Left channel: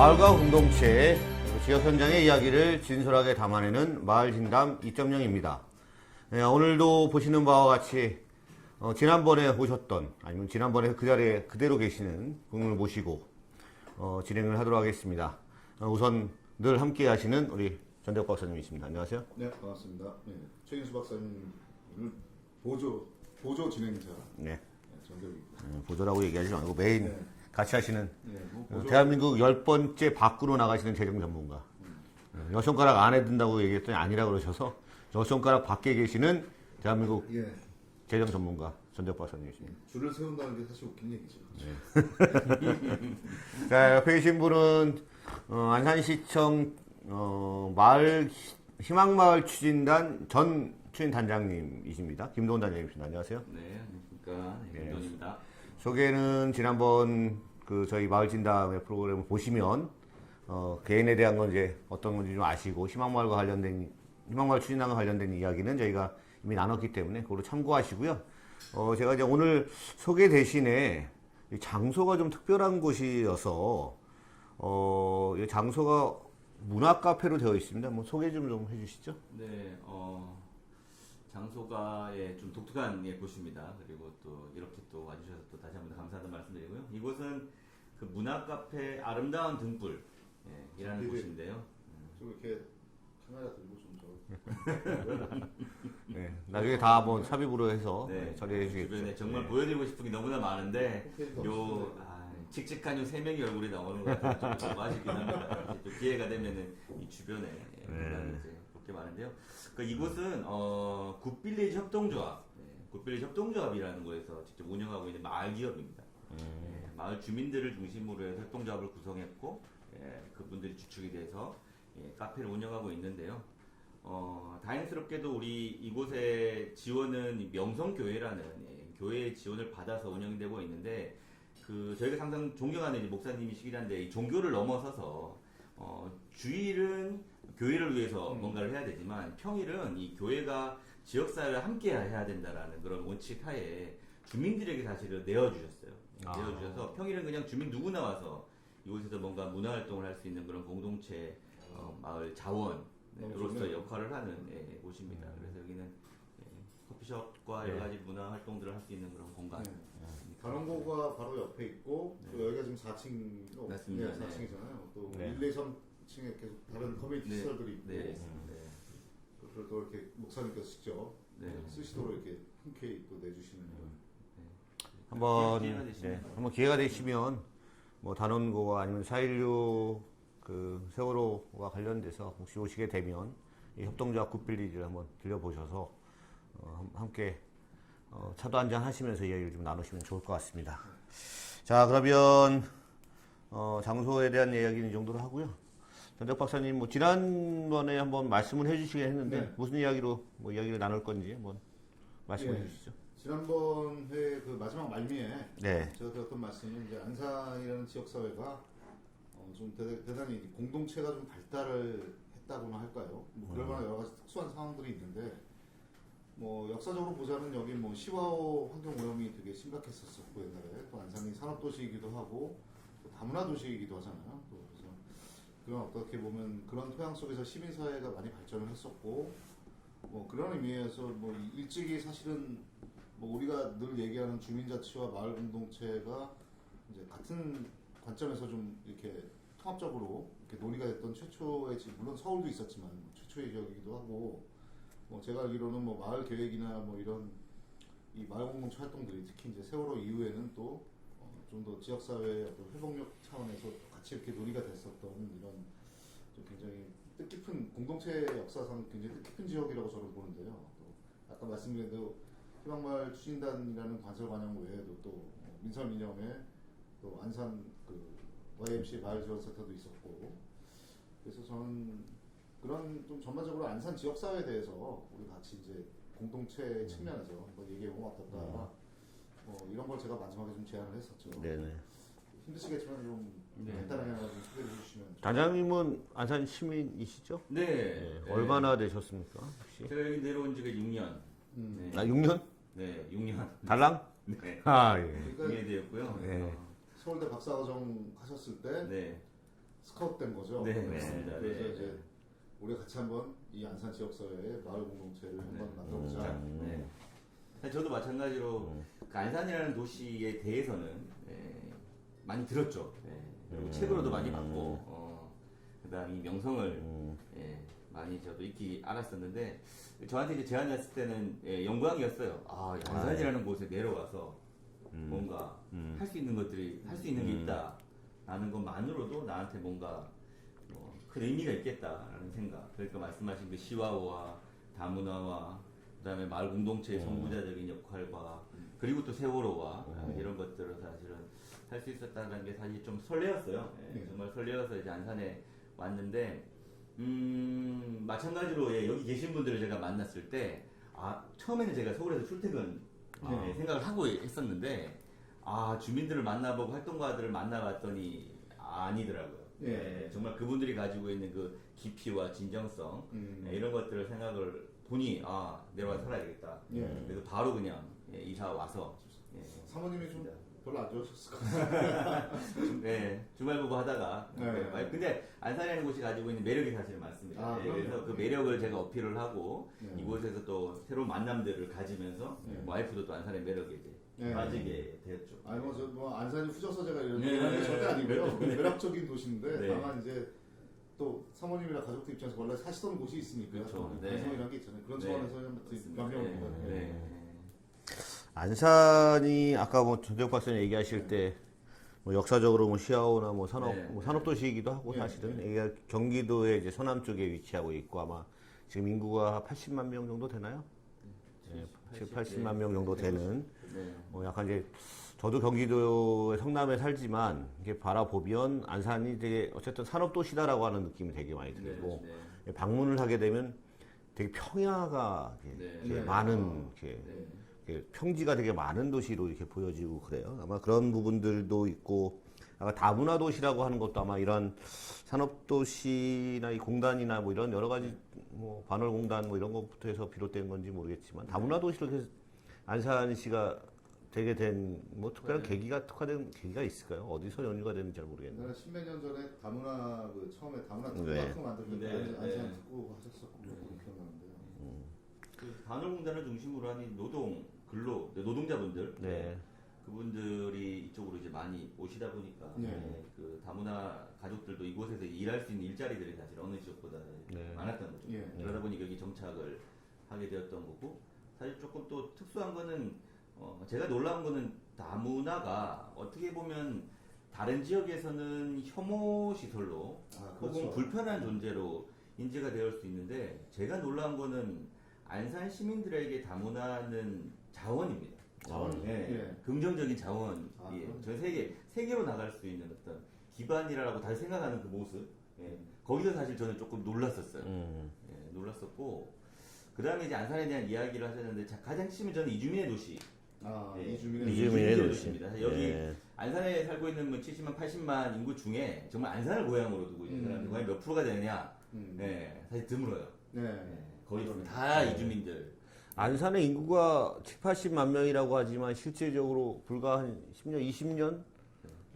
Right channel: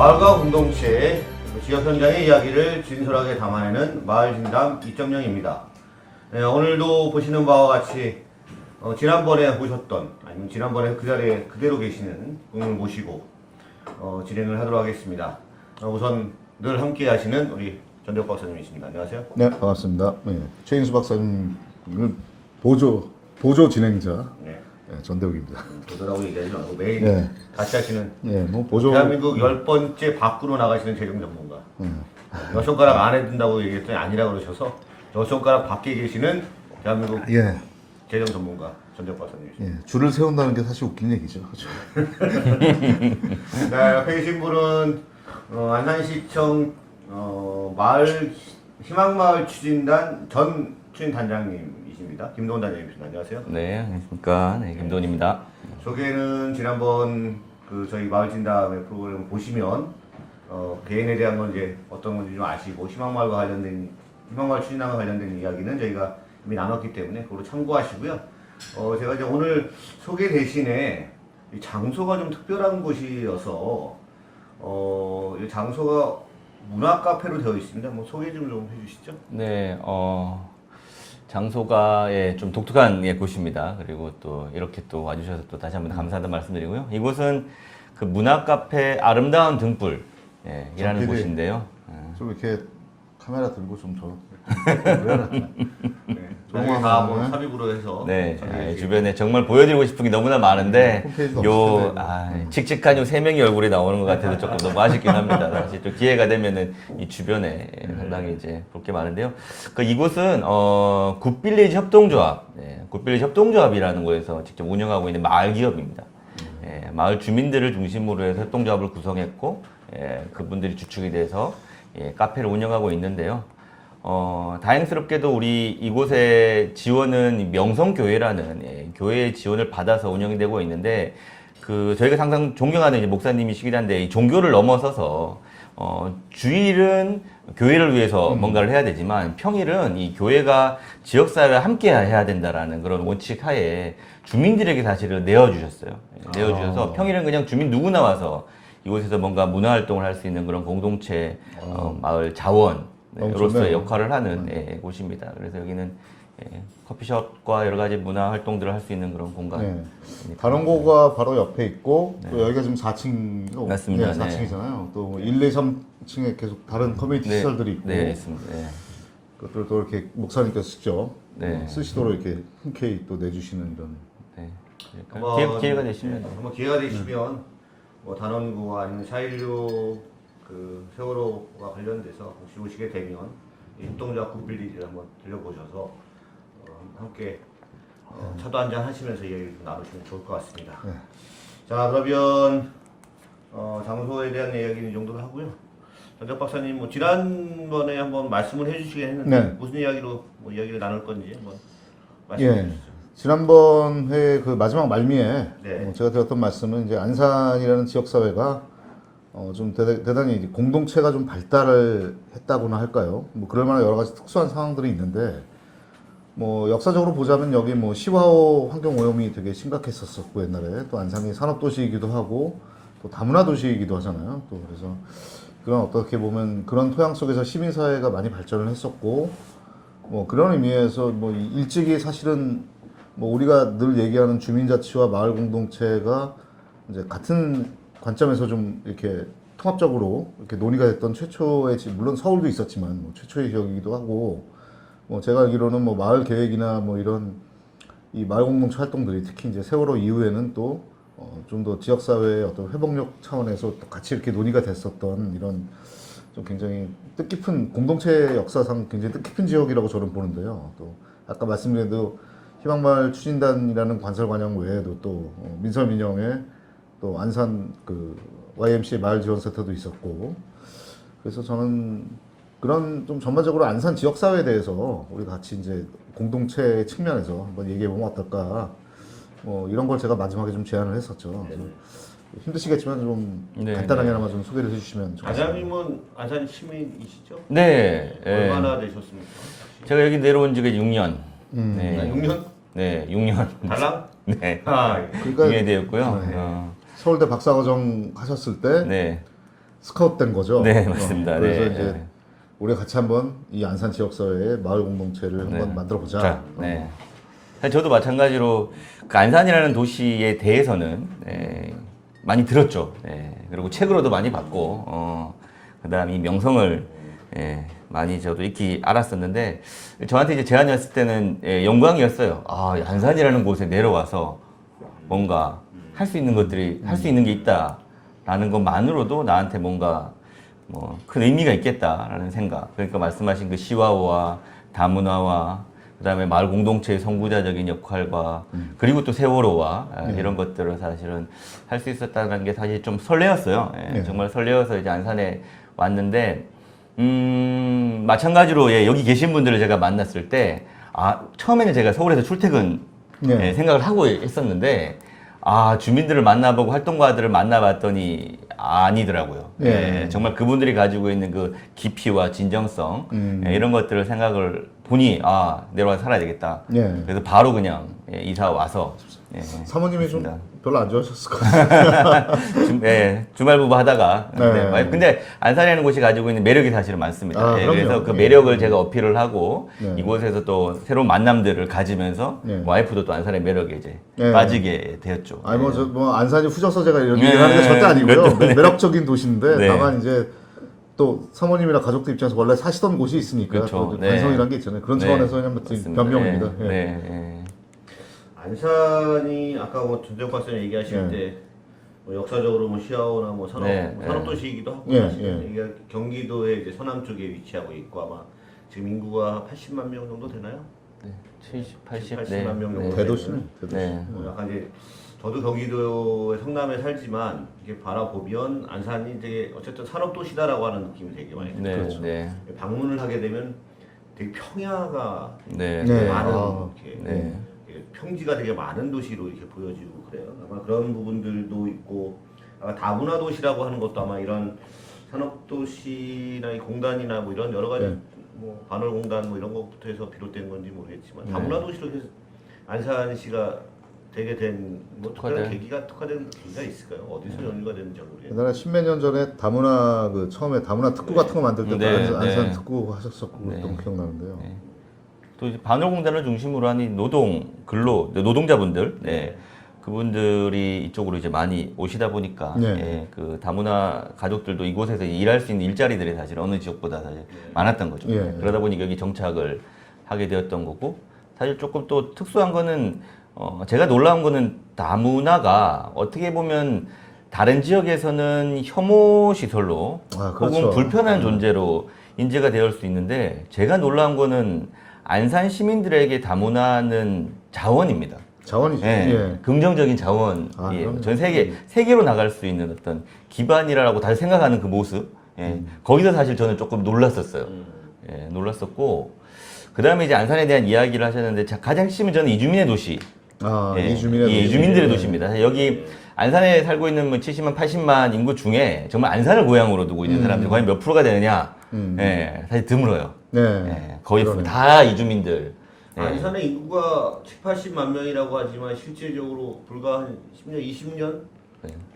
마을과 공동체, 지역 현장의 이야기를 진솔하게 담아내는 마을진담 2.0입니다. 오늘도 보시는 바와 같이 지난번에 보셨던 아니면 지난번에 그 자리에 그대로 계시는 분을 모시고 진행을 하도록 하겠습니다. 우선 늘 함께 하시는 우리 전대욱 박사님이십니다. 안녕하세요. 네, 반갑습니다. 네, 최인수 박사님을 보조 진행자 전대욱입니다. 보조라고 얘기하지 말고 매일 네. 같이 하시는 뭐 보조 대한민국 10번째 밖으로 나가시는 재정 전문가. 몇 손가락 안에 든다고 얘기했더니 아니라고 그러셔서 몇 손가락 밖에 계시는 대한민국 재정 전문가 전대욱 박사님이십니다. 줄을 세운다는 게 사실 웃긴 얘기죠. 그렇죠? 네, 옆에 계신 분은 안산시청 마을 희망마을 추진단 전 추진단장님이십니다. 김도훈 단장님이십니다. 안녕하세요. 네, 안녕하십니까. 네, 김도훈입니다. 소개는 지난번 그 저희 마을진담의 프로그램을 보시면 개인에 대한 건 이제 어떤 건지 좀 아시고 희망마을과 관련된 희망마을 추진단과 관련된 이야기는 저희가 이미 나눴기 때문에 그걸로 참고하시고요. 제가 이제 오늘 소개 대신에 이 장소가 좀 특별한 곳이어서 이 장소가 문화 카페로 되어 있습니다. 뭐 소개 좀 해주시죠. 네, 장소가 좀 독특한 곳입니다. 그리고 또 이렇게 또 와주셔서 또 다시 한번 감사하다는 말씀드리고요. 이곳은 그 문화 카페 아름다운 등불 이라는 곳인데요. 좀 이렇게 카메라 들고 좀 저. 너무 다 뭐 삽입으로 해서 네, 주변에 정말 보여드리고 싶은 게 너무나 많은데 홈페이지도 요 없을 칙칙한 요 세 명의 얼굴이 나오는 것 같아서 조금 너무 아쉽긴 합니다. 사실 또 기회가 되면은 이 주변에 상당히 이제 볼 게 많은데요. 그 이곳은 굿빌리지 협동조합, 굿빌리지 협동조합이라는 곳에서 직접 운영하고 있는 마을 기업입니다. 마을 주민들을 중심으로 해서 협동조합을 구성했고 그분들이 주축이 돼서 카페를 운영하고 있는데요. 다행스럽게도 우리 이곳의 지원은 명성교회라는 교회의 지원을 받아서 운영이 되고 있는데 그 저희가 항상 존경하는 이제 목사님이시긴 한데 이 종교를 넘어서서 주일은 교회를 위해서 뭔가를 해야 되지만 평일은 이 교회가 지역사회와 함께 해야 된다라는 그런 원칙 하에 주민들에게 사실은 내어주셨어요. 내어주셔서 평일은 그냥 주민 누구나 와서 이곳에서 뭔가 문화활동을 할 수 있는 그런 공동체 마을 자원 로서의 역할을 하는 곳입니다. 그래서 여기는 커피숍과 여러 가지 문화 활동들을 할 수 있는 그런 공간. 단원고가 바로 옆에 있고 또 여기가 지금 4층 맞습니다. 4층이잖아요. 또 1, 2, 3층에 계속 다른 커뮤니티 시설들이 있고 네, 있습니다. 그것들 또 이렇게 목사님께서 직접 네. 쓰시도록 이렇게 흔쾌히 또 내주시는 이런. 기회가 되시면 한번 기회가 되시면 뭐 단원고가 아니면 4.16 그 세월호와 관련돼서 혹시 오시게 되면 이 협동조합 굿빌리지를 한번 들려보셔서 함께 차도 한잔 하시면서 얘기를 좀 나누시면 좋을 것 같습니다. 자, 그러면 장소에 대한 이야기는 이 정도로 하고요. 전대욱 박사님 뭐 지난번에 한번 말씀을 해주시긴 했는데 무슨 이야기로 뭐 이야기를 나눌 건지 한번 말씀해 주시죠. 지난번 회 그 마지막 말미에 제가 드렸던 말씀은 이제 안산이라는 지역 사회가 좀 대단히 이제 공동체가 좀 발달을 했다고나 할까요? 뭐 그럴 만한 여러 가지 특수한 상황들이 있는데 뭐 역사적으로 보자면 여기 뭐 시화호 환경 오염이 되게 심각했었고 옛날에 또 안산이 산업도시이기도 하고 또 다문화 도시이기도 하잖아요. 또 그래서 그런 어떻게 보면 그런 토양 속에서 시민사회가 많이 발전을 했었고 뭐 그런 의미에서 뭐 일찍이 사실은 뭐 우리가 늘 얘기하는 주민자치와 마을 공동체가 이제 같은 관점에서 좀 이렇게 통합적으로 이렇게 논의가 됐던 최초의 물론 서울도 있었지만 뭐 최초의 지역이기도 하고 뭐 제가 알기로는 뭐 마을 계획이나 뭐 이런 이 마을 공동체 활동들이 특히 이제 세월호 이후에는 또 좀 더 지역 사회의 어떤 회복력 차원에서 또 같이 이렇게 논의가 됐었던 이런 좀 굉장히 뜻깊은 공동체 역사상 굉장히 뜻깊은 지역이라고 저는 보는데요. 또 아까 말씀드린 대로 희망마을 추진단이라는 관설관영 외에도 또 민설민영에 또 안산 그 YMCA 마을 지원센터도 있었고 그래서 저는 그런 좀 전반적으로 안산 지역 사회에 대해서 우리 같이 이제 공동체 측면에서 한번 얘기해 보면 어떨까 뭐 이런 걸 제가 마지막에 좀 제안을 했었죠. 힘드시겠지만 좀 간단하게나마 좀 소개를 해주시면 좋겠습니다. 단장님은 안산 시민이시죠? 네. 얼마나 되셨습니까? 제가 여기 내려온 지가 6년. 네. 6년? 네, 6년. 달랑? 네. 아, 그러니까 6년이 되었고요. 서울대 박사과정 하셨을 때 네. 스카웃된 거죠. 네, 맞습니다. 그래서 네. 이제 우리 같이 한번 이 안산 지역사회의 마을 공동체를 한번 만들어 보자. 자, 네. 사실 저도 마찬가지로 그 안산이라는 도시에 대해서는 많이 들었죠. 그리고 책으로도 많이 봤고, 그다음 이 명성을 많이 저도 익히 알았었는데 저한테 이제 제안이 왔을 때는 영광이었어요. 아, 안산이라는 곳에 내려와서 뭔가 할 수 있는 것들이 할 수 있는 게 있다라는 것만으로도 나한테 뭔가 뭐 큰 의미가 있겠다라는 생각. 그러니까 말씀하신 그 시와와 다문화와 그다음에 마을 공동체의 선구자적인 역할과 그리고 또 세월호와 이런 것들을 사실은 할 수 있었다는 게 사실 좀 설레었어요. 정말 설레어서 이제 안산에 왔는데 마찬가지로 여기 계신 분들을 제가 만났을 때 처음에는 제가 서울에서 출퇴근 생각을 하고 있었는데 주민들을 만나보고 활동가들을 만나봤더니 아니더라고요. 정말 그분들이 가지고 있는 그 깊이와 진정성 이런 것들을 생각을 보니 내려와서 살아야 되겠다. 그래서 바로 그냥 이사 와서 사모님이 좀 그렇습니다. 별로 안 좋아하셨을 것 같아요. 주말부부 하다가 네. 근데 안산이라는 곳이 가지고 있는 매력이 사실은 많습니다. 그럼요. 그래서 그 예. 매력을 제가 어필을 하고 네. 이곳에서 또 새로운 만남들을 가지면서 네. 와이프도 또 안산의 매력에 이제 네. 빠지게 되었죠. 아니 뭐 안산이 후져서 제가 이런 얘기를 네. 하는 게 절대 아니고요. 그렇죠. 네. 매력적인 도시인데 네. 다만 이제 또 사모님이나 가족들 입장에서 원래 사시던 곳이 있으니까 그렇죠. 또 네. 관성이라는 게 있잖아요. 그런 네. 차원에서 그냥 맞습니다. 변명입니다. 예. 네. 안산이 아까 뭐 전재욱 박사님 얘기하실 네. 때 뭐 역사적으로 뭐 시아오나 뭐 산업 네, 뭐 산업도시이기도 하고 예, 사실 예. 이게 경기도의 이제 서남 쪽에 위치하고 있고 아마 지금 인구가 80만 명 정도 되나요? 70, 80, 80만 명 정도 대도시는 네. 약간 이제 저도 경기도의 성남에 살지만 이게 바라보면 안산이 이제 어쨌든 산업도시다라고 하는 느낌이 되게 많이 들어요. 네. 그렇죠. 네. 방문을 하게 되면 되게 평야가 되게 네. 네. 많은 아, 이렇게 네. 평지가 되게 많은 도시로 이렇게 보여지고 그래요. 아마 그런 부분들도 있고 아마 다문화 도시라고 하는 것도 아마 이런 산업 도시나 이 공단이나 뭐 이런 여러 가지 네. 뭐 반월 공단 뭐 이런 것부터 해서 비롯된 건지 모르겠지만 다문화 도시로 해서 안산시가 되게 된뭐 특별한 특화된? 특화된 계기가 있을까요? 어디서 연유가 됐는지 모르겠어요. 옛날에 십몇 년 전에 다문화 처음에 다문화 특구 같은 거 만들 때 네, 안산 네. 특구 하셨었고 그랬던 거 기억나는데요. 또 이제 반월공단을 중심으로 한 이 노동자분들, 그분들이 이쪽으로 이제 많이 오시다 보니까 네. 그 다문화 가족들도 이곳에서 일할 수 있는 일자리들이 사실 어느 지역보다 사실 많았던 거죠. 예. 그러다 보니까 여기 정착을 하게 되었던 거고 사실 조금 또 특수한 거는 제가 놀라운 거는 다문화가 어떻게 보면 다른 지역에서는 혐오 시설로 그렇죠. 혹은 불편한 존재로 인지가 되어 수 있는데 제가 놀라운 거는 안산 시민들에게 다문화는 자원입니다. 자원이죠. 예. 긍정적인 자원이에요. 그럼요. 전 세계로 나갈 수 있는 어떤 기반이라고 다들 생각하는 그 모습. 거기서 사실 저는 조금 놀랐었어요. 놀랐었고 그 다음에 이제 안산에 대한 이야기를 하셨는데 가장 핵심은 저는 이주민의 도시. 이주민들의 도시입니다. 사실 여기 안산에 살고 있는 뭐 70만, 80만 인구 중에 정말 안산을 고향으로 두고 있는 사람들이 과연 몇 프로가 되느냐? 사실 드물어요. 거의 그러네. 다 이주민들. 안산의 인구가 7, 80만 명이라고 하지만 실질적으로 불과 한 10년, 20년,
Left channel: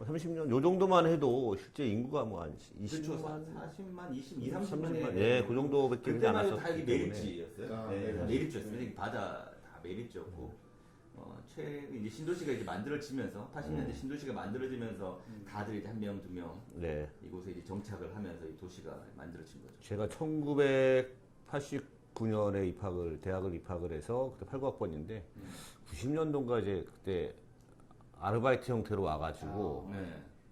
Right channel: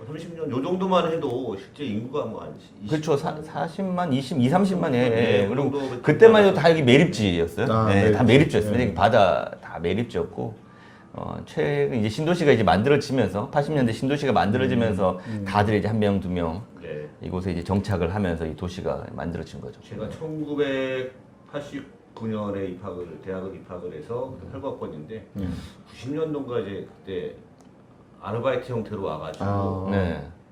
30년 요 정도만 해도 실제 인구가 뭐 한 20만 그렇죠. 40만, 30만. 그 그리고 정도 그때만 해도 다 여기 매립지였어요. 다 매립지. 매립지였습니다. 바다 다 매립지였고. 최근 이제 신도시가 이제 만들어지면서 80년대 신도시가 만들어지면서 다들 이제 한 명, 두 명 이곳에 이제 정착을 하면서 이 도시가 만들어진 거죠. 제가 1989년에 대학을 입학을 해서 활과학번인데 90년도인가 이제 그때 아르바이트 형태로 와가지고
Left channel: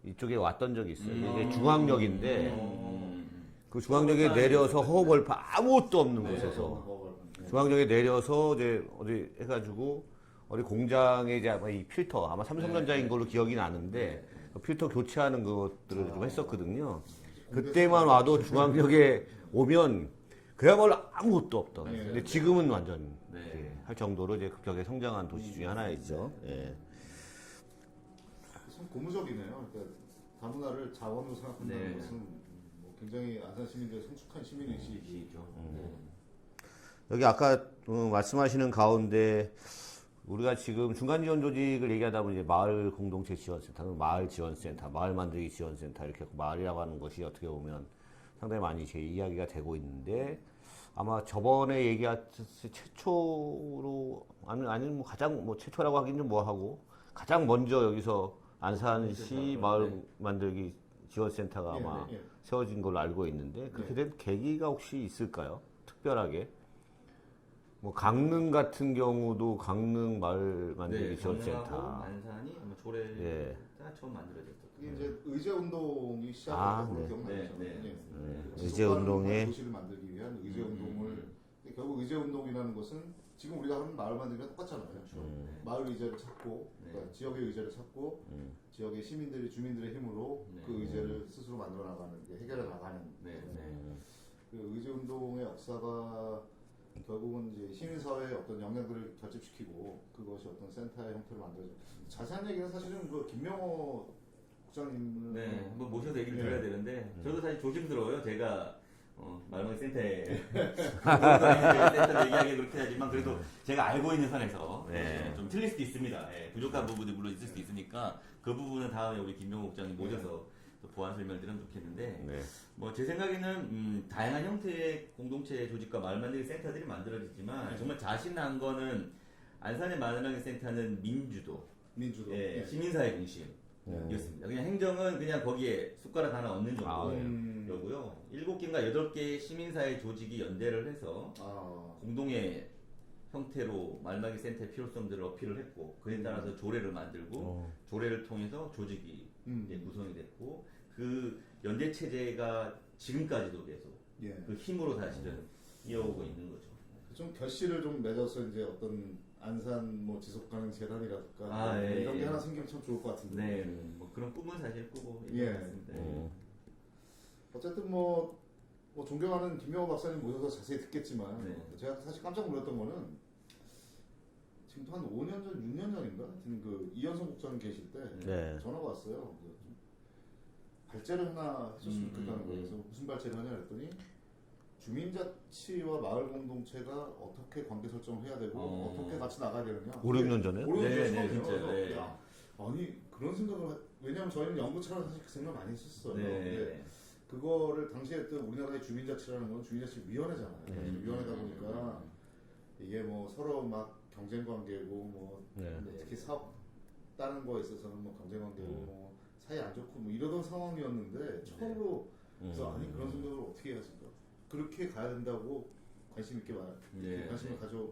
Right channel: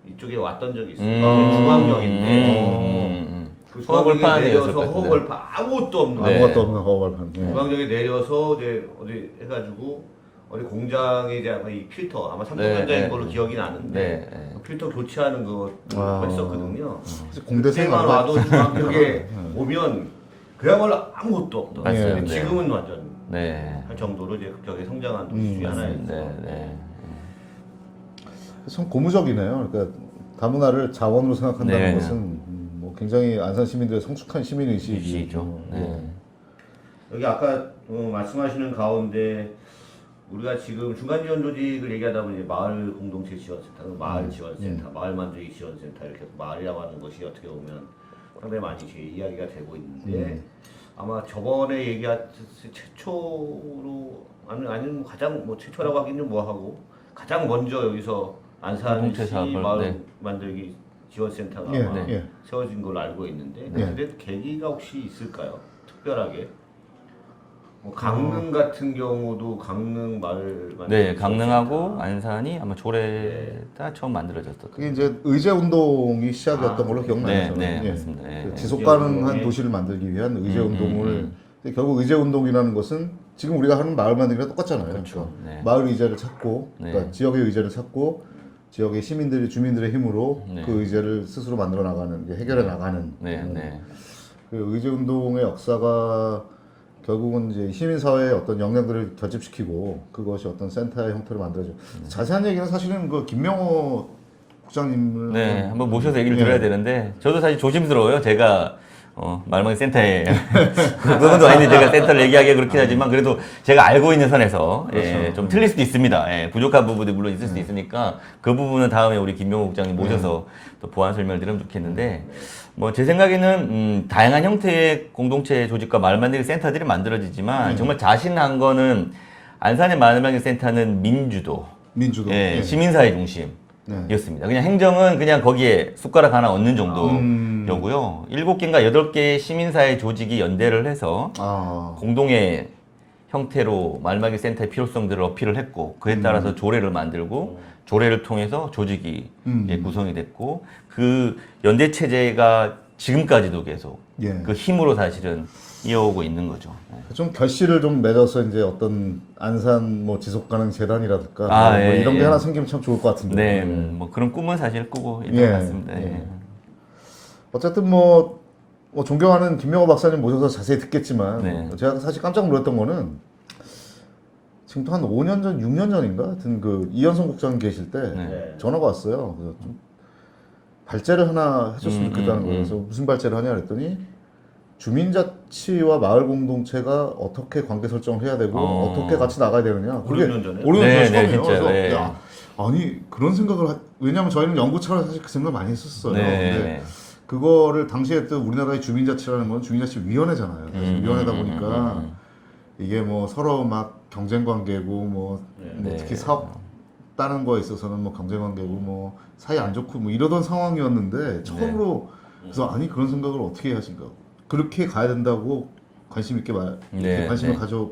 이쪽에 왔던 적이 있어요. 중앙역인데 그 중앙역에 내려서 허허벌판 아무것도 없는 아무것도 없는 허벌판. 중앙역에 내려서 이제 어디 해가지고 어디 공장에 이제 이 필터 아마 삼성전자인 걸로 기억이 나는데 필터 교체하는 거 했었거든요. 그때만 와도 중앙역에 오면 그야말로 아무것도 없던. 맞습니다. 지금은 완전 네. 할 정도로 이제 급격히 성장한 도시 중에 하나였어요. 참 고무적이네요. 그러니까 다문화를 자원으로 생각한다는 것은 뭐 굉장히 안산 시민들의 성숙한 시민 의식이죠. 여기 아까 말씀하시는 가운데 우리가 지금 중간 지원 조직을 얘기하다 보니 마을 공동체 지원센터, 마을 지원센터, 마을 만들기 지원센터 이렇게 마을이라고 하는 것이 어떻게 보면 상당히 많이 제 이야기가 되고 있는데 아마 저번에 얘기했듯이 최초로 아니면 뭐 가장 뭐 최초라고 하기는 뭐하고 가장 먼저 여기서 안산시 사업을, 마을 네. 만들기 지원센터가 예, 아마 예. 세워진 걸로 알고 있는데 예. 그때 계기가 혹시 있을까요? 특별하게? 뭐 강릉 같은 경우도 강릉 마을 만들기 네, 강릉하고 지원센터. 안산이 아마 조례가 처음 만들어졌던. 그게 이제 의제 운동이 시작이었던 걸로 기억나요. 네, 저는. 네, 예. 맞습니다. 예, 그 예. 지속 의제 가능한 운동이- 도시를 만들기 위한 의제 음, 운동을 근데 결국 의제 운동이라는 것은 지금 우리가 하는 마을 만들기랑 똑같잖아요. 그렇죠. 그러니까 네. 마을 의제를 찾고 네. 그러니까 지역의 의제를 찾고 지역의 시민들이 주민들의 힘으로 네. 그 의제를 스스로 만들어 나가는 게 해결해 나가는 네, 네. 그 의제 운동의 역사가 결국은 이제 시민 사회의 어떤 역량들을 결집시키고 그것이 어떤 센터의 형태로 만들어져. 자세한 얘기는 사실은 그 김명호 국장님을 네, 한번 모셔서 얘기를 예. 들어야 되는데 저도 사실 조심스러워요. 제가 말망이 센터에 그분도 아닌데 제가 센터를 얘기하기가 그렇긴 하지만 그래도 제가 알고 있는 선에서 예, 좀 틀릴 수도 있습니다. 예, 부족한 부분도 물론 있을 수도 있으니까 그 부분은 다음에 우리 김명호 국장님 모셔서 또 보완 설명을 드리면 좋겠는데 뭐 제 생각에는 다양한 형태의 공동체 조직과 마을 만들기 센터들이 만들어지지만 정말 자신한 거는 안산의 마을 만들기 센터는 민주도 민주도 예, 예. 시민사회 중심이었습니다. 그냥 행정은 그냥 거기에 숟가락 하나 얹는 정도였고요. 7개인가 8개의 시민사회 조직이 연대를 해서 아, 공동의 형태로 말마기 센터의 필요성들을 어필을 했고 그에 따라서 조례를 만들고 조례를 통해서 조직이 예, 구성이 됐고 그 연대 체제가 지금까지도 계속 예. 그 힘으로 사실은 이어오고 있는 거죠. 좀 결실을 좀 맺어서 이제 어떤 안산 뭐 지속 가능 재단이라든가 아, 뭐 예, 이런 게 예. 하나 생기면 참 좋을 것 같은데. 네, 뭐 그런 꿈은 사실 꾸고 있는 예, 것 같습니다. 예. 예. 어쨌든 뭐 존경하는 김명호 박사님 모셔서 자세히 듣겠지만 네. 제가 사실 깜짝 놀랐던 거는 지금 한 5년 전, 6년 전인가 하여튼 그 이현성 국장 계실 때 네. 전화가 왔어요. 그래서 좀 발제를 하나 해줬으면 좋겠다는 거예요. 그래서 무슨 발제를 하냐 그랬더니 주민자치와 마을 공동체가 어떻게 관계 설정을 해야 되고 어떻게 같이 나가야 되느냐. 5, 6년 전에? 5, 6년 네, 전 네, 처음이에요. 진짜요. 그래서 네. 야, 아니 그런 생각을 왜냐하면 저희는 연구 차원에서 사실 그 생각 많이 했었어요. 근데 네. 그거를 당시에 또 우리나라의 주민자치라는 건 주민자치위원회잖아요. 그래서 위원회다 보니까 이게 뭐 서로 막 경쟁 관계고 뭐 네. 특히 사업 따는 거에 있어서는 뭐 경쟁 관계고 뭐 사이 안 좋고 뭐 이러던 상황이었는데 처음으로 그래서 아니 그런 생각을 어떻게 하신가 그렇게 가야 된다고 관심 있게 네, 관심을 네. 가져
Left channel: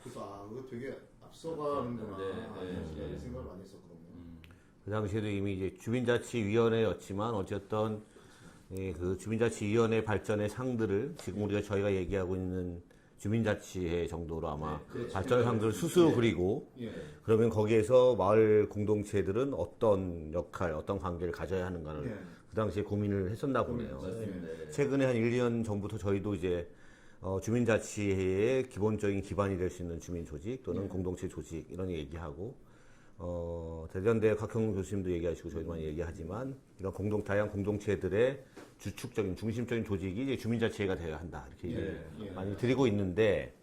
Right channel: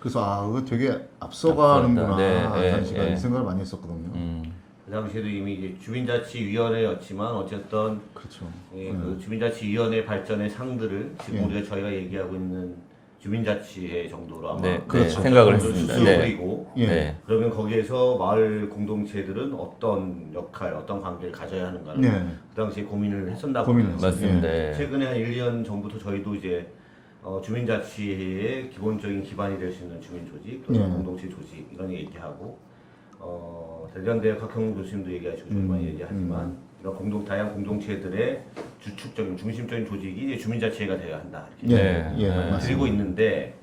그래서 아 그거 되게 앞서가는구나 네, 네, 당시가 네. 이 생각을 많이 했었거든요. 그 당시에도 이미 이제 주민자치위원회였지만 어쨌든 그렇죠. 그 주민자치위원회 발전의 상들을 지금 우리가 저희가 얘기하고 있는 주민자치회 정도로 아마 네, 그렇죠. 생각을 수술 했습니다. 네. 그리고 예. 네. 그러면 거기에서 마을 공동체들은 어떤 역할, 어떤 관계를 가져야 하는가를 네. 그 당시에 고민을 했었나 고민을 보네요. 맞습니다. 예. 최근에 한 1, 2년 전부터 저희도 이제 주민자치회의 기본적인 기반이 될 수 있는 주민조직, 또는 예. 공동체 조직 이런 얘기하고 대전대 각형 교수님도 얘기하시고 저희 많이 얘기하지만 이런 다양한 공동체들의 주축적인 중심적인 조직이 이제 주민자치회가 되어야 한다 이렇게 네. 예, 말을 맞습니다. 드리고 있는데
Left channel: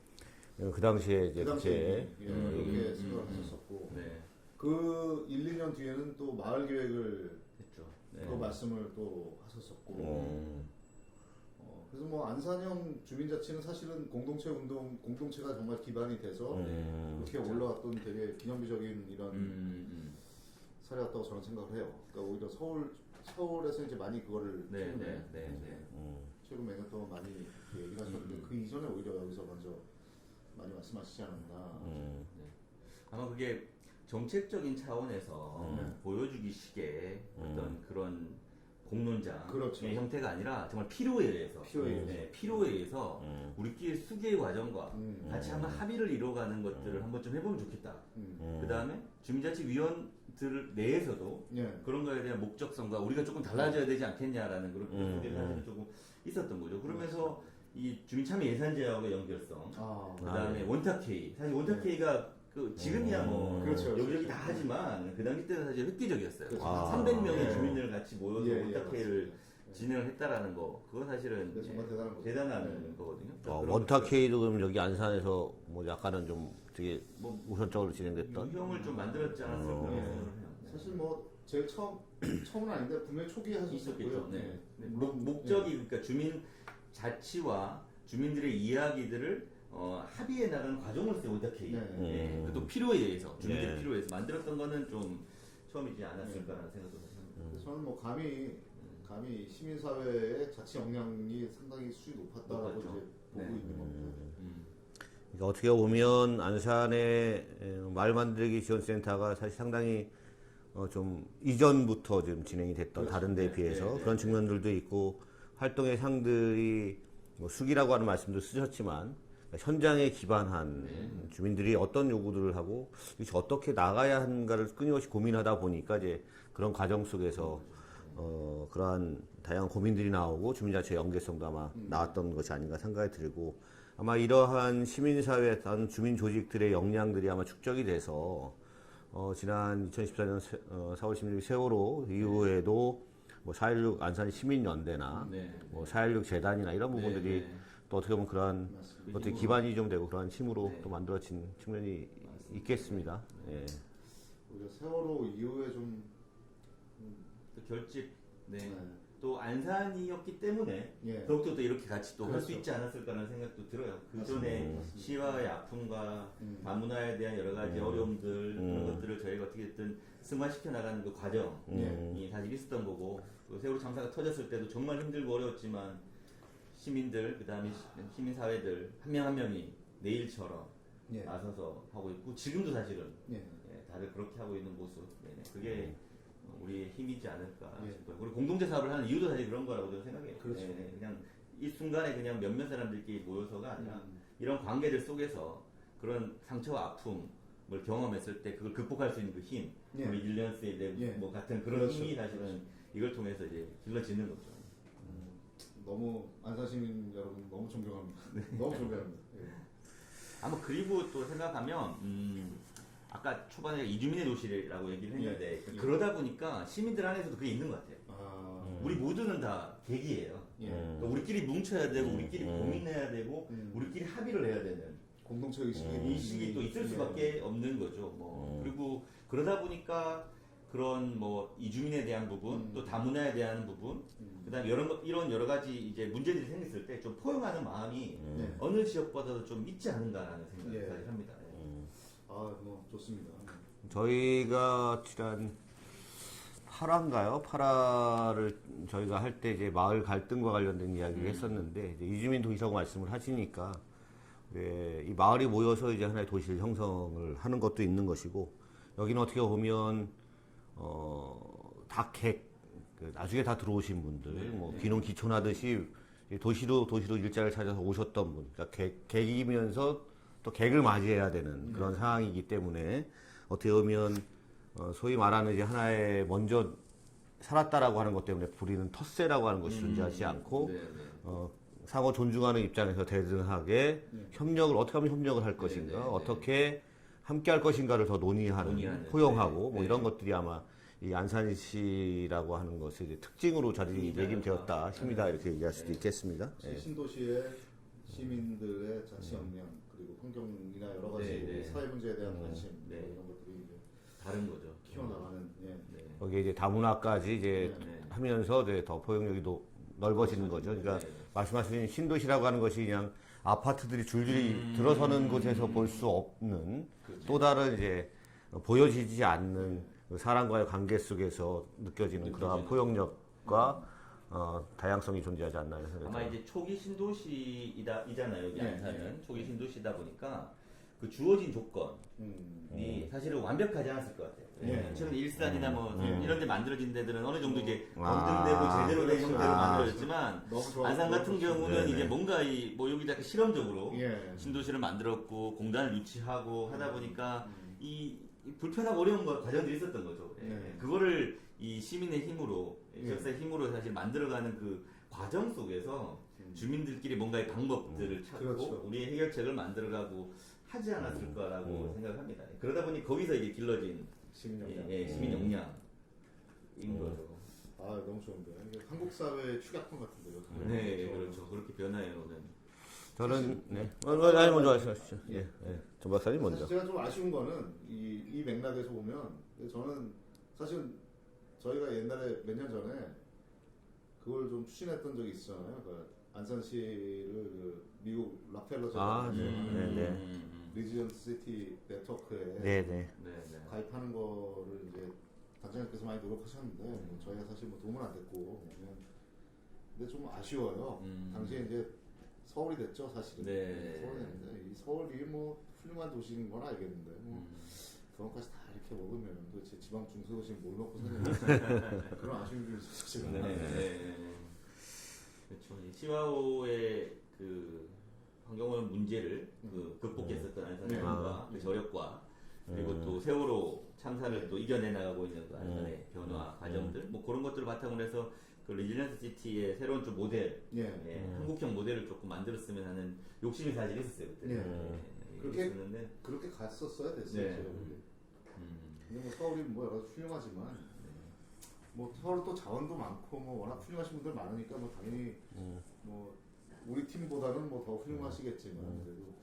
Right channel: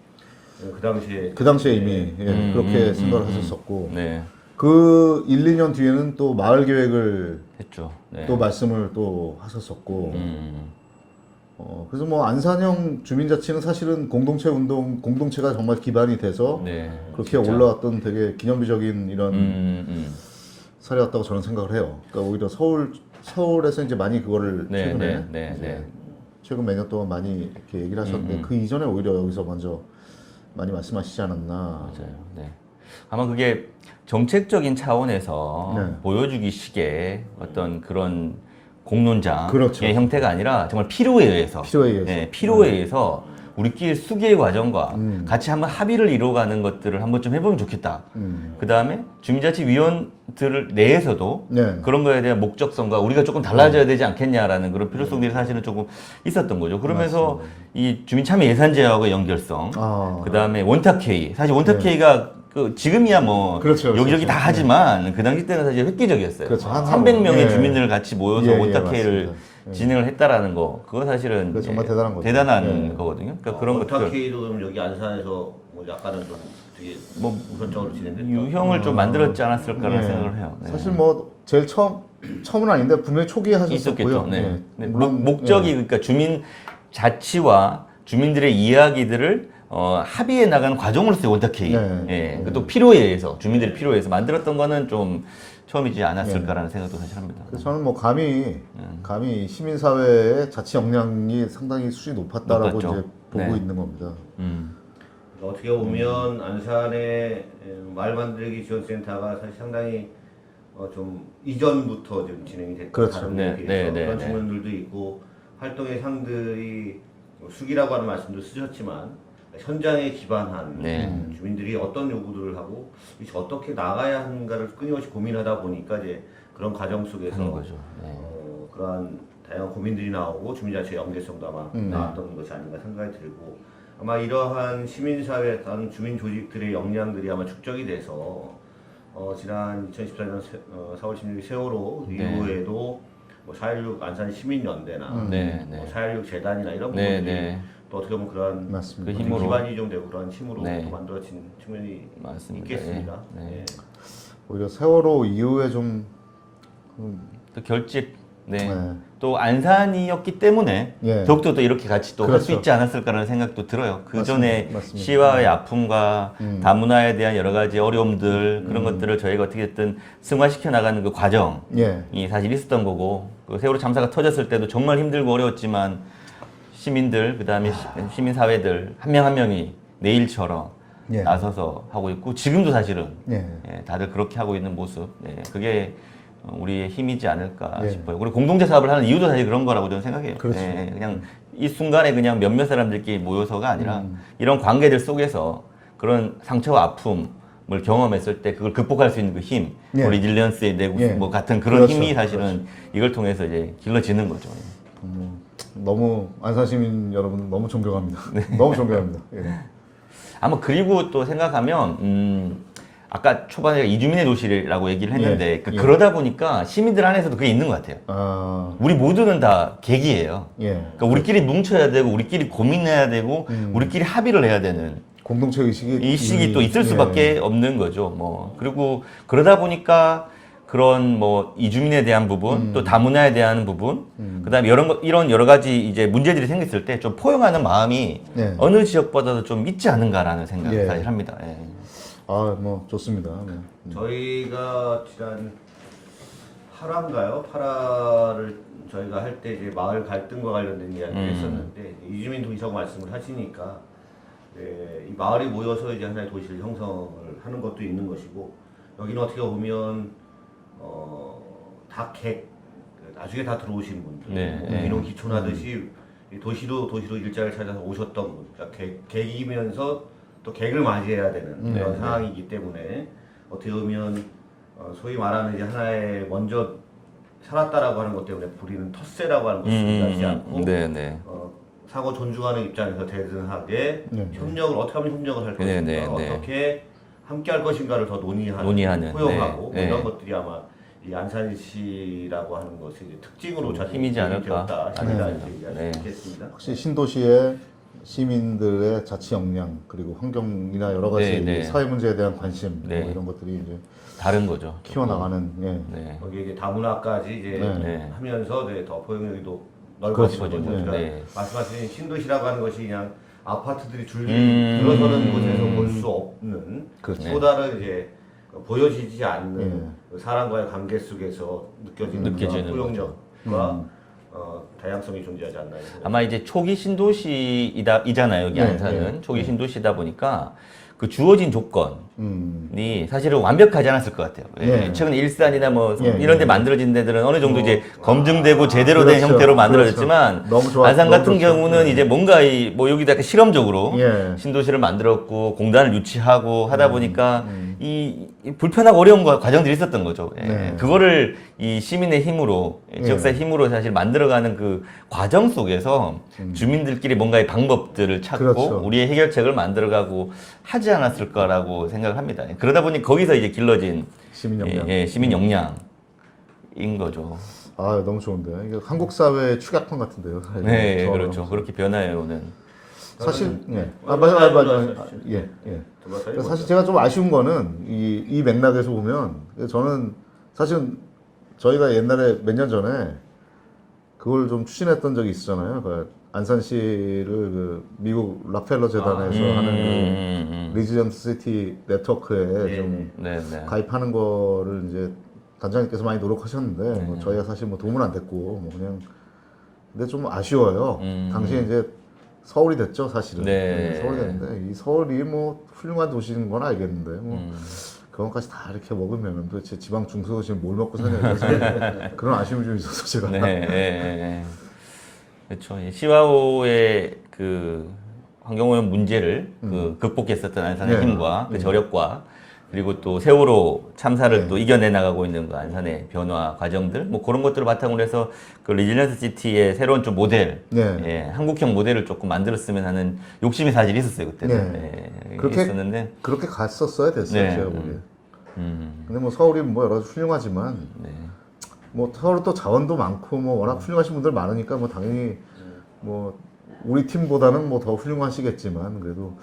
그 당시에 그 당시에 이미 예, 그렇게 생각을 하셨었고 네. 그 1, 2년 뒤에는 또 마을 계획을 했죠. 네. 또 말씀을 또 하셨었고 음. 그래서 뭐 안산형 주민자치는 사실은 공동체 운동 공동체가 정말 기반이 돼서 네. 그렇게 올라왔던 되게 기념비적인 이런 음. 사례였다고 저는 생각을 해요. 그러니까 오히려 서울에서 이제 많이 그거를 네, 최근에 네, 네, 이제 네. 최근 몇 년 동안 많이 이렇게 얘기를 하셨는데 그 이전에 오히려 여기서 먼저 많이 말씀하시지 않았나. 맞아요. 네. 아마 그게 정책적인 차원에서 네. 보여주기식의 어떤 그런 공론장의 그렇죠. 형태가 아니라 정말 필요에 의해서, 필요에 의해서. 네, 필요에 의해서 우리끼리 수기의 과정과 같이 한번 합의를 이루어가는 것들을 한번 좀 해보면 좋겠다. 그 다음에 주민자치위원들 내에서도 네. 그런 거에 대한 목적성과 우리가 조금 달라져야 되지 않겠냐라는 그런 필요성들이 사실은 조금 있었던 거죠. 그러면서 이 주민참여 예산제하고의 연결성, 아. 그 다음에 원탁회의. 사실 원탁회의가 그 지금이야 뭐 그렇죠, 여기저기 그렇죠. 다 하지만 그 당시 때는 사실 획기적이었어요. 그렇죠. 한 300명의 예. 주민들 같이 모여서 예, 예, 원탁회의를 맞습니다. 진행을 했다라는 거, 그거 사실은 그거 정말 대단한 거죠. 대단한 예. 거거든요. 그러니까 그런 것들. 원탁회의도 그럼 여기 안산에서 뭐 약간은 좀 되게 뭐 우선적으로 진행됐다. 유형을 좀 만들었지 않았을까라는 네. 생각을 해요. 네. 사실 뭐 제일 처음은 아닌데 분명히 초기에 하셨었고요. 있었겠죠. 네. 예. 네. 물론 목적이 그러니까 주민 자치와 주민들의 이야기들을 합의해 나가는 과정으로서의 원탁회의. 네. 예. 또 필요에 의해서 주민들의 필요에 의해서 만들었던 거는 좀 처음이지 않았을까라는 생각도 사실 합니다. 그래서 저는 뭐 감히 시민사회의 자치 역량이 상당히 수준이 높았다라고 높았죠. 이제 보고 네. 있는 겁니다. 어떻게 보면 안산의 말 만들기 지원센터가 사실 상당히 좀 이전부터 좀 진행이 됐고 그렇죠. 다른 네, 데에 네, 비해서 네, 그런 네. 측면들도 있고 활동의 상들이 뭐 수기라고 하는 말씀도 쓰셨지만 현장에 기반한 네. 주민들이 어떤 요구들을 하고 이것이 어떻게 나가야 하는가를 끊임없이 고민하다 보니까 이제 그런 과정 속에서 그런 거죠. 네. 그러한 다양한 고민들이 나오고 주민자치 연계성도 아마 나왔던 것이 아닌가 생각이 들고 아마 이러한 시민사회 다른 주민 조직들의 역량들이 아마 축적이 돼서 지난 2014년 4월 16일 세월호 네. 이후에도 뭐 4.16 안산 시민연대나 네, 뭐 네. 4.16 재단이나 이런 네, 부분들이 네. 또 어떻게 보면 그러한 맞습니다. 그 어떤 힘으로. 기반이 좀 되고 그런 힘으로 네. 또 만들어진 측면이 맞습니다. 있겠습니다. 예, 네. 예. 오히려 세월호 이후에 좀 또 결집. 네. 네. 또 안산이었기 때문에 예. 더욱더 또 이렇게 같이 또 할 수 그렇죠. 있지 않았을까라는 생각도 들어요. 그 전에 맞습니다. 시와의 아픔과 다문화에 대한 여러 가지 어려움들 그런 것들을 저희가 어떻게든 승화시켜 나가는 그 과정이 예. 사실 있었던 거고 그 세월호 참사가 터졌을 때도 정말 힘들고 어려웠지만 시민들 그다음에 시민 사회들 한 명 한 명이 내일처럼 예. 나서서 하고 있고 지금도 사실은 예. 예, 다들 그렇게 하고 있는 모습 그게 우리의 힘이지 않을까 예. 싶어요. 우리 공동체 사업을 하는 이유도 사실 그런 거라고 저는 생각해요. 그렇죠. 그냥 이 순간에 그냥 몇몇 사람들끼리 모여서가 아니라 이런 관계들 속에서 그런 상처와 아픔을 경험했을 때 그걸 극복할 수 있는 그 힘, 예. 리질리언스의 내구 예. 뭐 같은 그런 그렇죠. 힘이 사실은 이걸 통해서 이제 길러지는 거죠. 너무 안산 시민 여러분 너무 존경합니다. 네. 너무 존경합니다. 예. 아마 그리고 또 생각하면 아까 초반에 이주민의 도시라고 얘기를 했는데 예. 그러다 보니까 시민들 안에서도 그게 있는 것 같아요. 아, 우리 모두는 다 계기예요. 예. 그러니까 우리끼리 뭉쳐야 되고 우리끼리 고민해야 되고 우리끼리 합의를 해야 되는 공동체 의식이 이 시기 또 있을 예. 수밖에 없는 거죠. 뭐 그리고 그러다 보니까 그런 뭐 이주민에 대한 부분 또 다문화에 대한 부분 그다음에 이런 여러 가지 이제 문제들이 생겼을 때 좀 포용하는 마음이 예. 어느 지역보다도 좀 있지 않은가라는 생각을 예. 사실 합니다. 예. 아, 뭐 좋습니다. 네. 저희가 지난 8화인가요? 8화를 저희가 할 때 이제 마을 갈등과 관련된 이야기를 했었는데 이제 이주민 도시라고 말씀을 하시니까 이 마을이 모여서 이제 하나의 도시를 형성을 하는 것도 있는 것이고 여기는 어떻게 보면 나중에 다 들어오신 분들 네, 민원 기촌하듯이 도시로 일자리를 찾아서 오셨던 분, 그러니까 객이면서 또 객을 맞이해야 되는 그런 상황이기 때문에 어떻게 보면 소위 말하는 이제 하나의 먼저 살았다라고 하는 것 때문에 부리는 텃세라고 하는 것을 중요하지 않고 네, 네. 상호 존중하는 입장에서 대등하게 네. 협력을 어떻게 하면 협력을 할 것인가, 네, 네. 어떻게 함께 할 것인가를 더 논의하는 네, 포용하고 뭐 네. 이런 것들이 아마 이 안산시라고 하는 것의 이제 특징으로 자리 힘이지 않을까. 되었다 이렇게 얘기할 수 네. 있겠습니다. 혹시 신도시의 시민들의 자치 역량 그리고 환경이나 여러 가지 네, 네. 사회 문제에 대한 관심 네. 뭐 이런 것들이 이제 다른 거죠. 키워나가는 예. 네. 거기 이제 다문화까지 이제 네. 하면서 더 포용력이도 그렇죠. 넓어지는 거죠. 그러니까 네. 말씀하신 신도시라고 하는 것이 그냥 아파트들이 줄줄이 들어서는 곳에서 볼 수 없는 그렇죠. 또 다른 이제 보여지지 않는 예. 그 사람과의 관계 속에서 느껴지는 느껴지는 그런 포용력과 다양성이 존재하지 않나. 아마 이제 초기 신도시이잖아요. 여기 네, 안산은 초기 신도시다 보니까 그 주어진 조건이 음. 사실은 완벽하지 않았을 것 같아요. 예. 최근 일산이나 뭐 예, 이런 데 예. 만들어진 데들은 어느 정도 이제 검증되고 제대로 된 그렇죠. 형태로 만들어졌지만 그렇죠. 너무 좋아- 안산 너무 같은 좋죠. 경우는 이제 뭔가 뭐 여기다 이렇게 실험적으로 예. 신도시를 만들었고 공단을 유치하고 하다 보니까 이 불편하고 어려운 과정들이 있었던 거죠. 예. 네. 그거를 이 시민의 힘으로 지역사회 힘으로 사실 만들어가는 그 과정 속에서 주민들끼리 뭔가의 방법들을 찾고 그렇죠. 우리의 해결책을 만들어가고 하지 않았을까라고 생각을 합니다. 그러다 보니 거기서 이제 길러진 시민 역량. 시민 역량인 거죠. 아, 너무 좋은데. 이게 한국 사회의 축약판 같은데요. 네, 저는. 그렇죠. 그렇게 변화해 오는. 사실 네. 맞아. 예. 두바타리 그러니까 사실 제가 좀 아쉬운 거는 이 맥락에서 보면 저는 사실은 저희가 옛날에 몇 년 전에 그걸 좀 추진했던 적이 있었잖아요. 그 안산시를 그 미국 락펠러 재단에서 하는 그 리지던트 시티 네트워크에 좀 네. 가입하는 거를 이제 단장님께서 많이 노력하셨는데 뭐 저희가 사실 뭐 도움은 안 됐고 뭐 그냥 근데 좀 아쉬워요. 당시에 이제 서울이 됐죠, 사실은. 네. 서울이 됐는데 이 서울이 뭐 훌륭한 도시인 건 알겠는데 뭐 그것까지 다 이렇게 먹으면 도대체 지방 중소도시는 뭘 먹고 사냐 이래서 그런 아쉬움이 좀 있어서 제가. 네. 그렇죠. 이 시와오의 그 환경오염 문제를 그 극복했었던 안산의 네. 힘과 그 저력과 그리고 또 세월호 참사를 네. 또 이겨내 나가고 있는 그 안산의 변화 과정들 뭐 그런 것들을 바탕으로 해서 그 리질런스 시티의 새로운 좀 모델, 네. 예, 한국형 모델을 조금 만들었으면 하는 욕심이 사실 있었어요 그때는. 네. 예, 그렇게 있었는데. 그렇게 갔었어야 됐어요, 네. 제가 보기에. 근데 뭐 서울이 뭐 여러 가지 훌륭하지만 네. 뭐 서울 또 자원도 많고 뭐 워낙 훌륭하신 분들 많으니까 뭐 당연히 뭐 우리 팀보다는 뭐 더 훌륭하시겠지만 그래도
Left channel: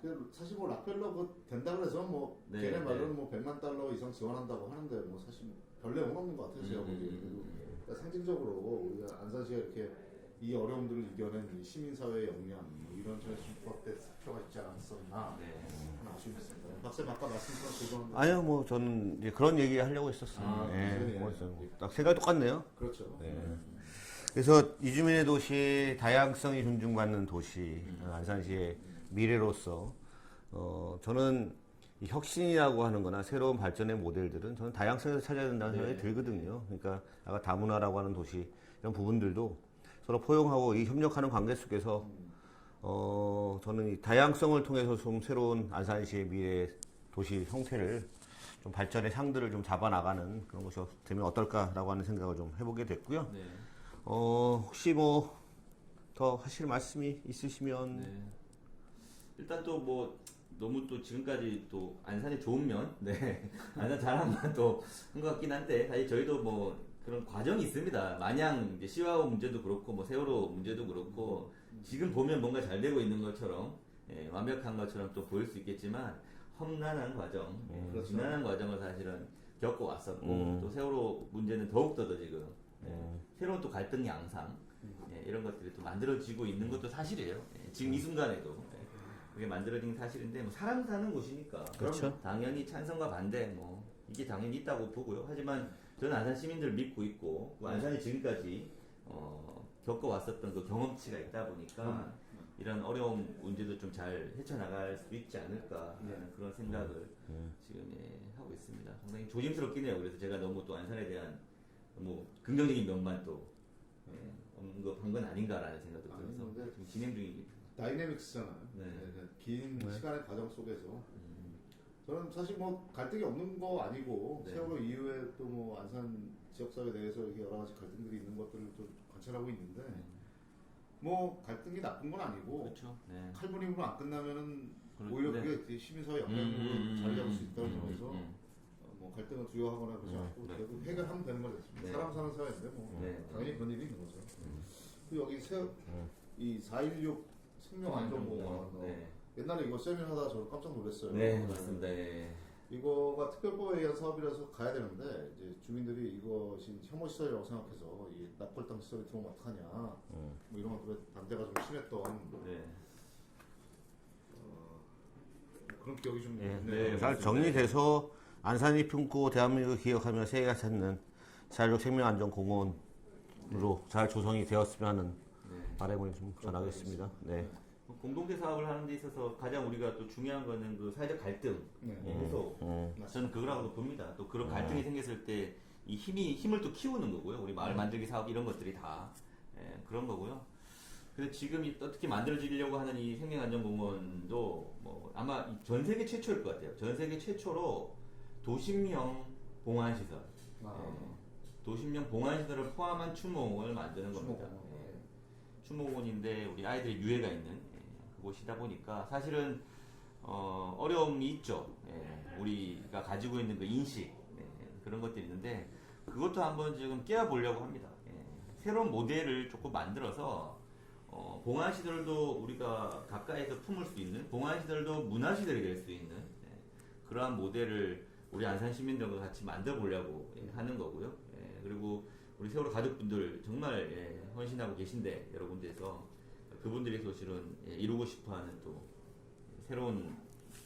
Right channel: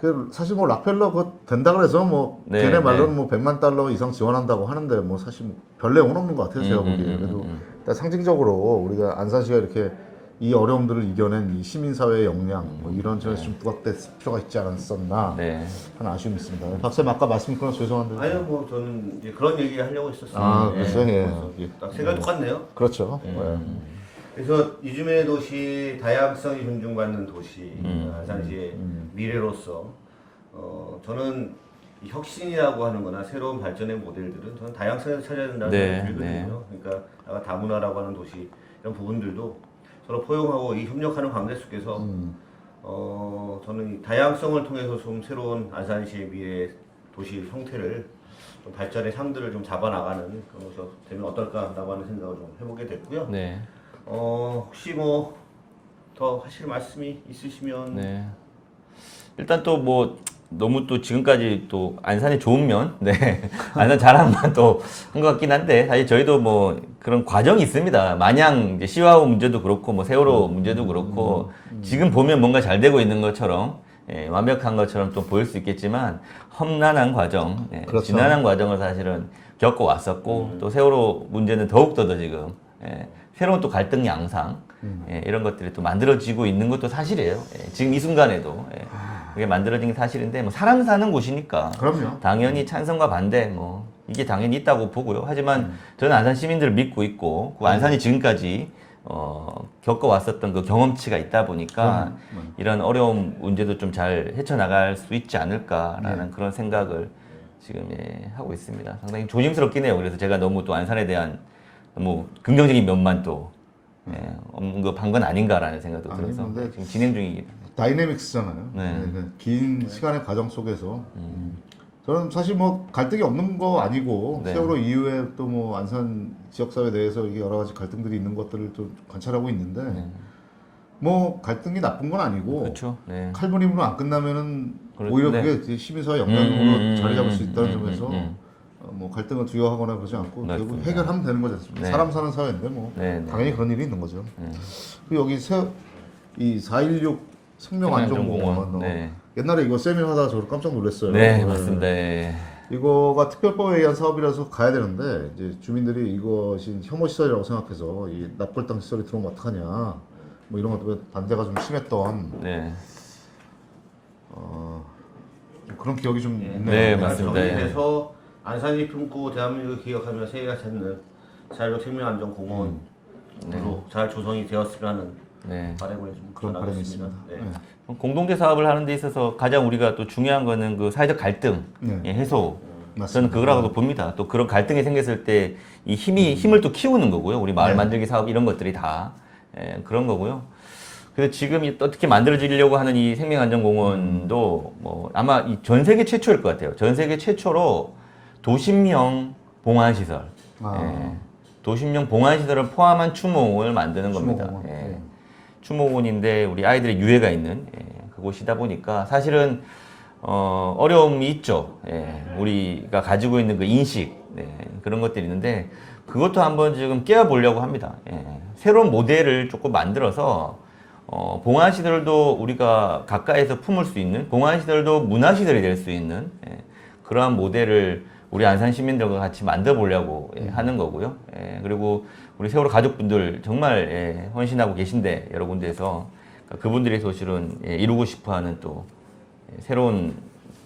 그 사실 뭐 락펠러 그 된다 그래서 뭐 네, 걔네 말로는 네. 뭐 100만 달러 이상 지원한다고 하는데 뭐 사실 별 내용은 없는 것 같아요 제가 보기에 그래도 일단 상징적으로 우리가 안산시가 이렇게 이 어려움들을 이겨낸 이 시민사회의 역량 뭐 이런 점에서 좀 부각될 필요가 있지 않았었나 네. 하는 아쉬움이 있습니다. 박사님 아까 말씀 끊어서 죄송한데 아유 뭐 저는 이제 그런 얘기 하려고 했었어요. 아, 글쎄요, 예. 딱 생각이 똑같네요. 그렇죠. 예. 그래서 이주민의 도시, 다양성이 존중받는 도시, 안산시의 미래로서 저는 이 혁신이라고 하는거나 새로운 발전의 모델들은 저는 다양성에서 찾아야 된다는 네, 생각이 들거든요. 그러니까 아까 다문화라고 하는 도시 이런 부분들도 서로 포용하고 이 협력하는 관계 속에서 저는 이 다양성을 통해서 좀 새로운 안산시의 미래 도시 형태를 좀 발전의 상들을 좀 잡아나가는 그런 것이 되면 어떨까라고 하는 생각을 좀 해보게 됐고요. 네. 혹시 뭐 더 하실 말씀이 있으시면 네. 일단 또 뭐 너무 또 지금까지 또 안산의 좋은 면, 네. 안산 자랑만 또 한 것 같긴 한데 사실 저희도 뭐 그런 과정이 있습니다. 마냥 이제 시와우 문제도 그렇고 뭐 세월호 문제도 그렇고 지금 보면 뭔가 잘 되고 있는 것처럼 예, 완벽한 것처럼 또 보일 수 있겠지만 험난한 과정, 예, 그렇죠. 지난한 과정을 사실은 겪어 왔었고 또 세월호 문제는 더욱더 더 지금 예, 새로운 또 갈등 양상 예, 이런 것들이 또 만들어지고 있는 것도 사실이에요. 예, 지금 이 순간에도 예, 그게 만들어진 게 사실인데 뭐 사람 사는 곳이니까 그럼요. 당연히 찬성과 반대 뭐 이게 당연히 있다고 보고요. 하지만 저는 안산 시민들을 믿고 있고 그 안산이 지금까지 겪어왔었던 그 경험치가 있다 보니까 이런 어려운 문제도 좀 잘 헤쳐나갈 수 있지 않을까라는 그런 생각을 지금 예, 하고 있습니다. 상당히 조심스럽긴 해요. 그래서 제가 너무 또 안산에 대한 너무 긍정적인 면만 또 언급한 건 아닌가라는 생각도 아니, 들어서 근데 지금 진행 중이기 다이내믹스잖아요. 네. 긴 시간의 과정 속에서 저는 사실 뭐 갈등이 없는 거 아니고 네. 세월호 이후에 또 뭐 안산 지역사회 내에서 이게 여러 가지 갈등들이 있는 것들을 좀 관찰하고 있는데 뭐 갈등이 나쁜 건 아니고 그렇죠. 네. 칼부림으로 안 끝나면은 그렇- 오히려 네. 그게 시민사회 영향으로 자리 잡을 수 있다는 점에서 뭐 갈등을 두려워하거나 그러지 않고 결국 맞습니다. 해결하면 되는 거지 않습니까? 네. 사람 사는 사회인데 뭐 네, 네. 당연히 그런 일이 있는 거죠. 그리고 여기 이 4.16 생명안전공원 네. 옛날에 이거 세미나 하다가 저 깜짝 놀랐어요. 네, 맞습니다. 예. 이거가 특별법에 의한 사업이라서 가야 되는데 이제 주민들이 이것이 혐오 시설이라고 생각해서 이 납골당 시설이 들어오면 어떡하냐 뭐 이런 것도 반대가 좀 심했던 네. 그런 기억이 좀 네, 있네요. 잘 맞습니다. 정리돼서 안산이 품고 대한민국을 기억하며 세계가 찾는 자유로 생명안전공원으로 잘 조성이 되었으면 하는 네. 바람을 좀 그런 바람이 전하겠습니다. 있습니다. 네. 공동체 사업을 하는 데 있어서 가장 우리가 또 중요한 거는 그 사회적 갈등 네. 예, 해소. 맞습니다. 저는 그거라고도 봅니다. 또 그런 갈등이 생겼을 때 이 힘을 또 키우는 거고요. 우리 마을 네. 만들기 사업 이런 것들이 다 예, 그런 거고요. 그래서 지금 어떻게 만들어지려고 하는 이 생명안전공원도 뭐 아마 이 전 세계 최초일 것 같아요. 전 세계 최초로 도심형 봉안시설, 예, 도심형 봉안시설을 포함한 추모공원을 만드는 겁니다. 추모공원. 예. 네. 추모공원인데 우리 아이들의 유해가 있는 예, 그곳이다 보니까 사실은 어려움이 있죠. 예, 우리가 가지고 있는 그 인식 그런 것들이 있는데 그것도 한번 지금 깨워보려고 합니다. 예, 새로운 모델을 조금 만들어서 봉안 시설도 우리가 가까이서 품을 수 있는, 봉안 시설도 문화 시설이 될 수 있는 그러한 모델을 우리 안산 시민들과 같이 만들어 보려고 하는 거고요. 그리고 우리 세월호 가족분들 정말 헌신하고 계신데 여러 군데에서 그분들이 사실은 이루고 싶어하는 또 새로운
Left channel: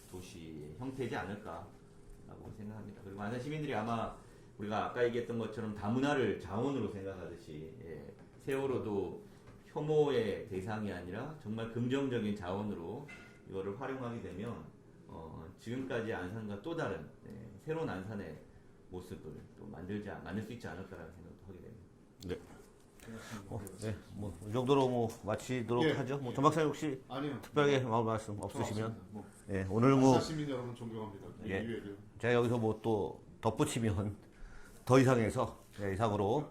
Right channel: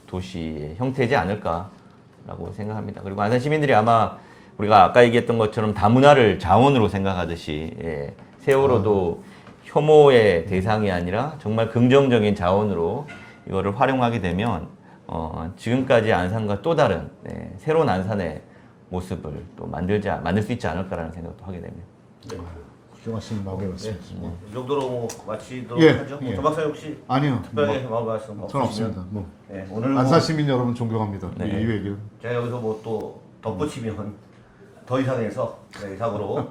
도시의 형태이지 않을까라고 생각합니다. 그리고 안산 시민들이 아마 우리가 아까 얘기했던 것처럼 다문화를 자원으로 생각하듯이 세월호도 혐오의 대상이 아니라 정말 긍정적인 자원으로 이거를 활용하게 되면 지금까지 안산과 또 다른 새로운 안산의 모습을 또 만들 수 있지 않을까라는 생각도 하게 됩니다. 훌륭하신 마음이었습니다. 이 정도로 뭐 마치도록 예, 하죠. 예. 조 박사님 혹시 아니요. 특별하게 마음 말씀 전 없으시면 없습니다. 뭐 네, 오늘 뭐 안산 시민 여러분 존경합니다. 네. 이 얘기를. 제가 여기서 뭐 또 덧붙이면 더 이상해서 이상으로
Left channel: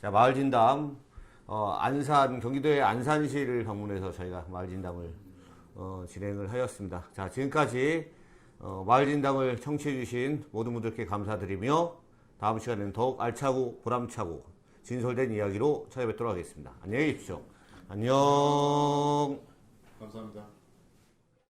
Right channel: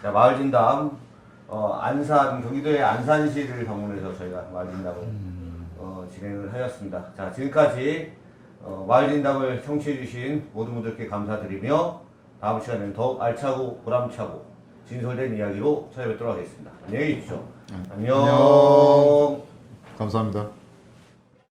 자, 마을 진담 안산 경기도의 안산시를 방문해서 저희가 마을 진담을 진행을 하였습니다. 자 지금까지 마을 진담을 청취해주신 모든 분들께 감사드리며 다음 시간에는 더욱 알차고 보람차고 진솔된 이야기로 찾아뵙도록 하겠습니다. 안녕히 계십시오. 안녕. 감사합니다.